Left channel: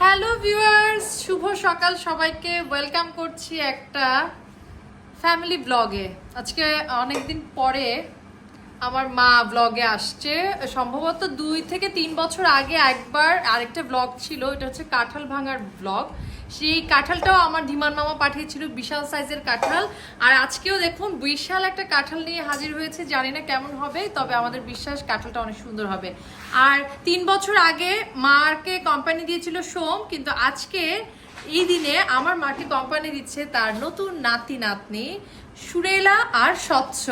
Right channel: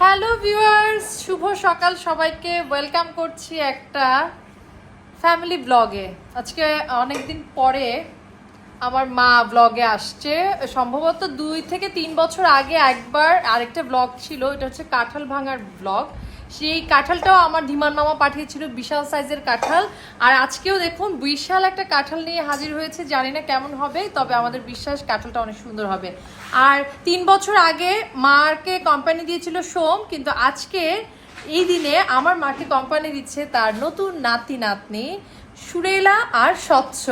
Hello viewers শুভ সকাল সবাইকে। Welcome করছি একটা ফ্যামিলি ব্লগে আজকে অনেকদিন পরে আমার মা ব্লগে আসছে। সম্ভবত দুই থেকে তিন বছর আগে একবার আরেকটা ব্লগ ছিল। এটা হচ্ছে কাঁঠাল ভাঙার ব্লগ সেই কাঁঠালটাও আমার ধীমান মামা পাঠিয়েছিল বিশাল সাইজের কাঁঠাল। আর আজকেও দেখুন, বিশাল একটা কাঁঠাল নিয়ে হাজির হয়েছে। জানি না কেমন হবে, তবে আমাদের বিশ্বাস কাঁঠালটা অনেক সুন্দর হবে। আর তিন বছর আগে মাকে কোম্পানি দিয়েছিল সোম, কিন্তু আজকে এই দিনে আমার মাকে কোম্পানি দিচ্ছে তার নতুন নাতি নাতনি, সুরেলা আর স্বচ্ছ।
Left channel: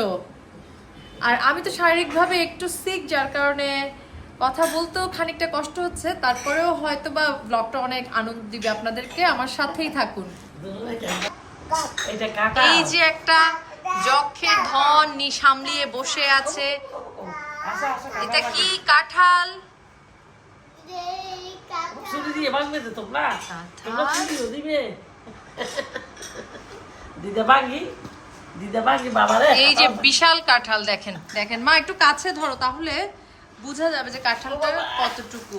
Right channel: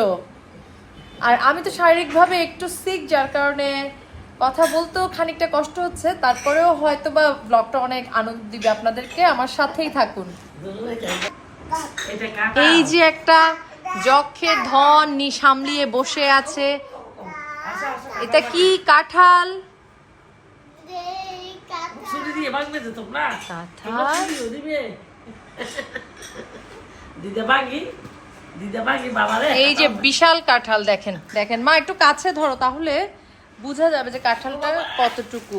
আর আমি তো শারীরিকভাবে একটু সিক যার কারণে কথা বলতেও খানিকটা কষ্ট হচ্ছে তারপরেও হয়তো বা ব্লগটা অনেক আনন্দ দিবে আপনাদেরকে আমার সাথেই থাকুন। এই যে একটা যক্ষের ধন নি সামলিয়ে বসে আছে। এটা কি কাঁঠাল। এই যে বিশাল কাঁঠাল দেখেন। দেখেন মা একটু কাছে ধরো তাহলে বোঝা যাবে যে কাঁঠালটা কতটুকু।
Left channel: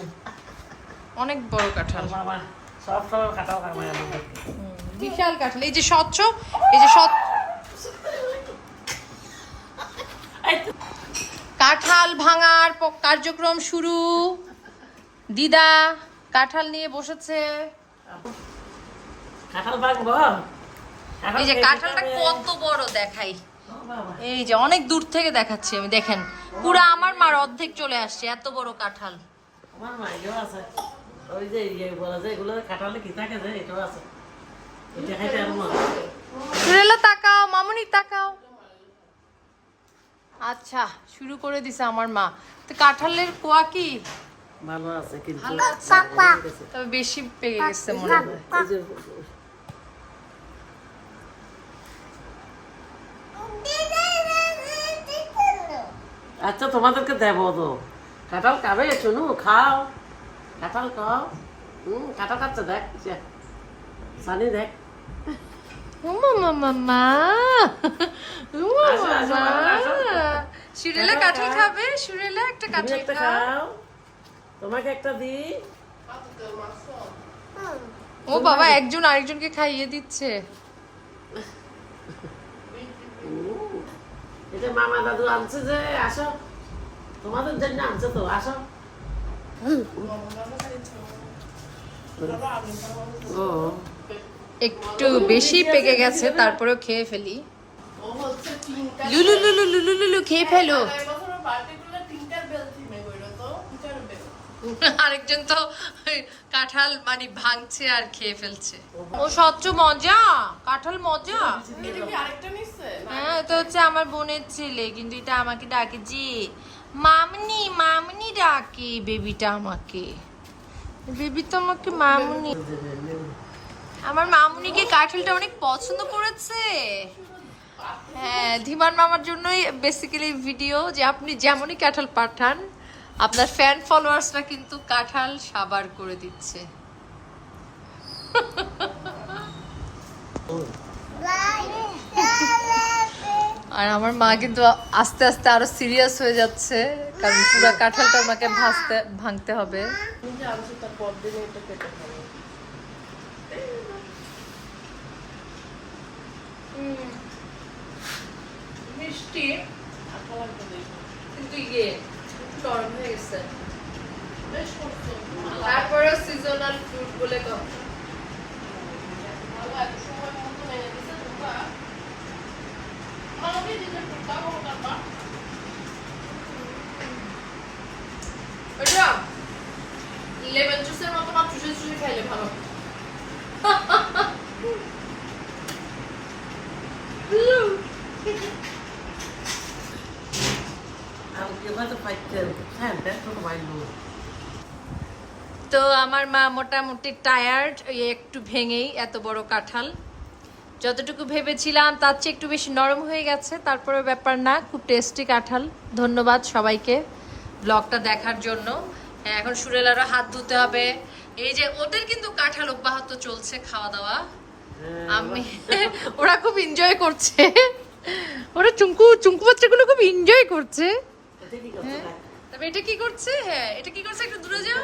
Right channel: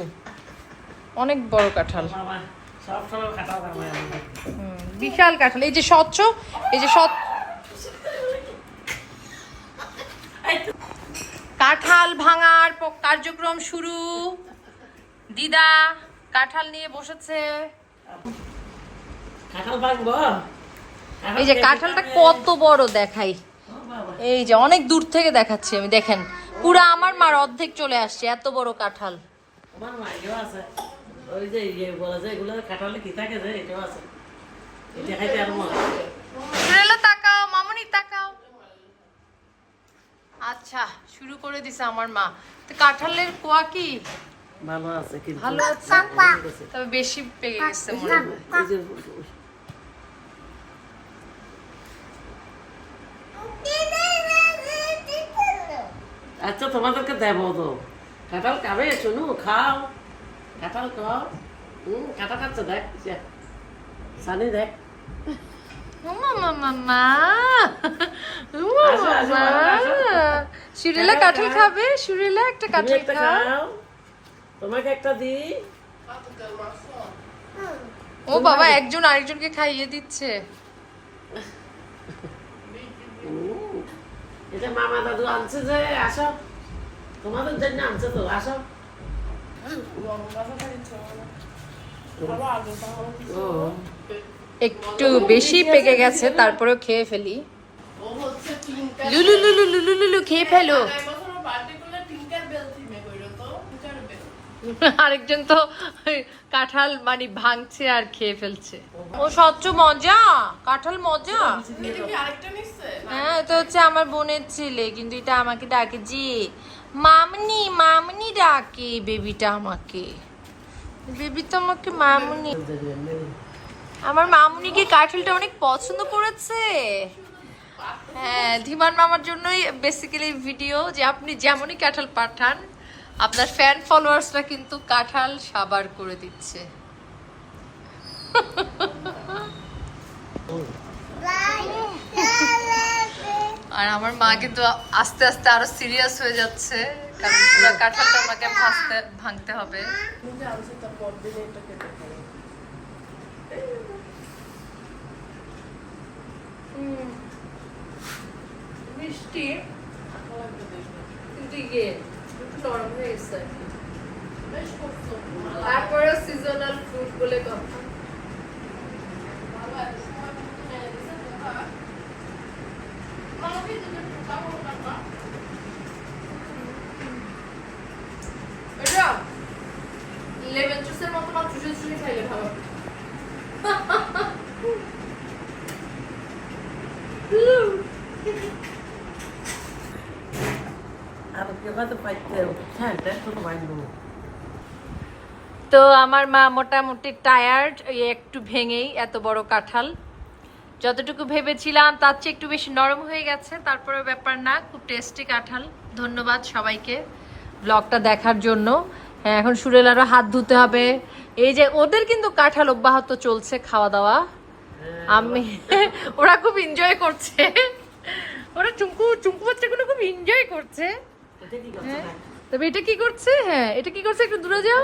অনেক বড় কাঁঠাল। বিশাল কাঁঠাল। এই যে স্বচ্ছ এই যে কাঁঠাল ভাঙার কার্যক্রম শুরু। দিদা কাঁঠাল নিয়ে বসেছে। কাঁঠাল ভাঙবো? এই যে কাঁঠালটা কত বড় দেখাই। এই যে অনেক দূর থেকে দেখাচ্ছি আমি দেখেন। পুরো আমার মার অর্ধেক চলে আসছে এত বড় কাঁঠাল। আমার আছে। ওই যে ইয়ে বলে যে এগুলো কাঁঠালে কি থাকে যে এটাও আছে। এটা খাইতে আর মজা সুরেলা তাকাও মামুনি তাকাও। আচ্ছা শুরু করে দিছে আমার মা। তো কাঁঠালের কোয়া কি? ভালো আছে কিন্তু। ভালো আছে। তবে বেশি পেয়ে গেছে মনে হয়। এই যে আচ্ছা তোমাদেরকে দেব তো। কাঁঠাল খাবে? শুনু খাও। কাঁঠাল খাও। হুম কাঁঠাল খাচ্ছে দেখ যে। সানি দেখ। সুরেলা কাঁঠাল খাবে? সুরেলা একটা কাঁঠাল খাও। তোমাকে একটা দিই। ও বাবা একজন আরেকজনকে খাইয়ে দিচ্ছে। এটা মামা দাদু আনছে যে আসো। তোমাদের জন্য আনছে তো আসো। ও একটু বেশি পেকে গেছে তারপরেও খেয়ে ফেলি। লুলু লুলু লুলু লুলু খেয়ে ফেলো। আরেকজন তো কাঁঠাল মানে ভাঙছে আর খেয়ে ফেলছে। ও স্বচ্ছ মজা, কাঁঠাল মজা। হ্যাঁ এটা হচ্ছে আমার বোনের ছেলে, কিন্তু এটা আমাকে ডাকে যে, মামনি মামনি ডাকে বেবিটা আমাকে। বেবিটা আমাকে মামনি। আমার মামুনিকে কাঠিলটা অনেক পছন্দ করেছে। হ্যাঁ ধীমান মামার জন্যই বেসিক্যালি ভিডিও যে আপনি যেমনই কাঁঠাল পাঠান আপনার ফ্যান ফলোয়ার্সরা কিন্তু কাঁঠাল সাবার করে দিচ্ছে। আর আমার মা কিন্তু আস্তে আস্তে আরও সিরিয়াস হয়ে যাচ্ছে, কারণ কাঁঠালটা আমাকে ভাজতে, ভাঙতে হবে। মিষ্টি কিন্তু ইয়ে একটু গেছে তারপরে সিজনাল ফ্রুট বলে কথা। লেমন জুসের মতো মাত্র চুষে জুসে খাইলে ভালো আর কেবা তো পাইতে হ্যাঁ দেখ তো আমার মা মোটামুটি টায়ার্ড ওই একটু ভেঙেই এত বড় কাঁঠাল। যতটুকু ভেবেছিলাম তার চেয়ে একটু বেশি নরম হয়ে গেছে তারপরে ব্যাপার না খুব টেস্টি কাঁঠাল। ধন্যবাদ সবাইকে ব্লগটা দেখার জন্য। হ্যাঁ, এখন সুরেলারও হাত ধুতে হবে। এই যে ওদের কিন্তু কাঁঠাল অব্যাহত চলছে খাওয়া দাওয়া আমি ওরা খুব এনজয় করছে। ওরা চুমকু চুমকু বাচ্চাগুলো খুব এনজয় করছে। না? তবে এটা কি করছে? হ্যাঁ এটা কি করছে? একটু দূরে যাও।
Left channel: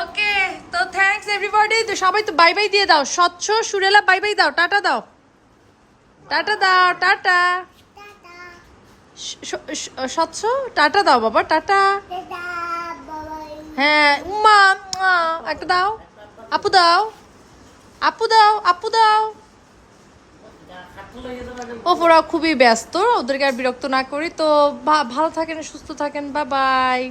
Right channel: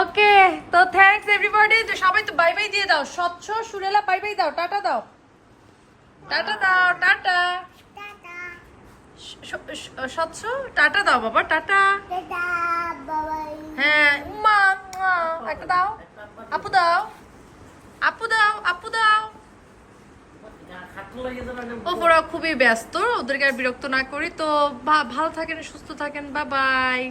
ওকে তো থ্যাঙ্কস এভরিবডি তো সবাই তো বাই বাই দিয়ে দাও। স্বচ্ছ সুরেলা বাই বাই দাও। টাটা দাও। টাটা দাও টাটা। স্বচ্ছ? টাটা দাও বাবা টাটা। হ্যাঁ মা একটা দাও। আপু দাও। আপু দাও আপু দাও। ওপরা খুবই ব্যস্ত। ওদেরকে আর বিরক্ত না করি। তো ভালো থাকেন, সুস্থ থাকেন বা বাই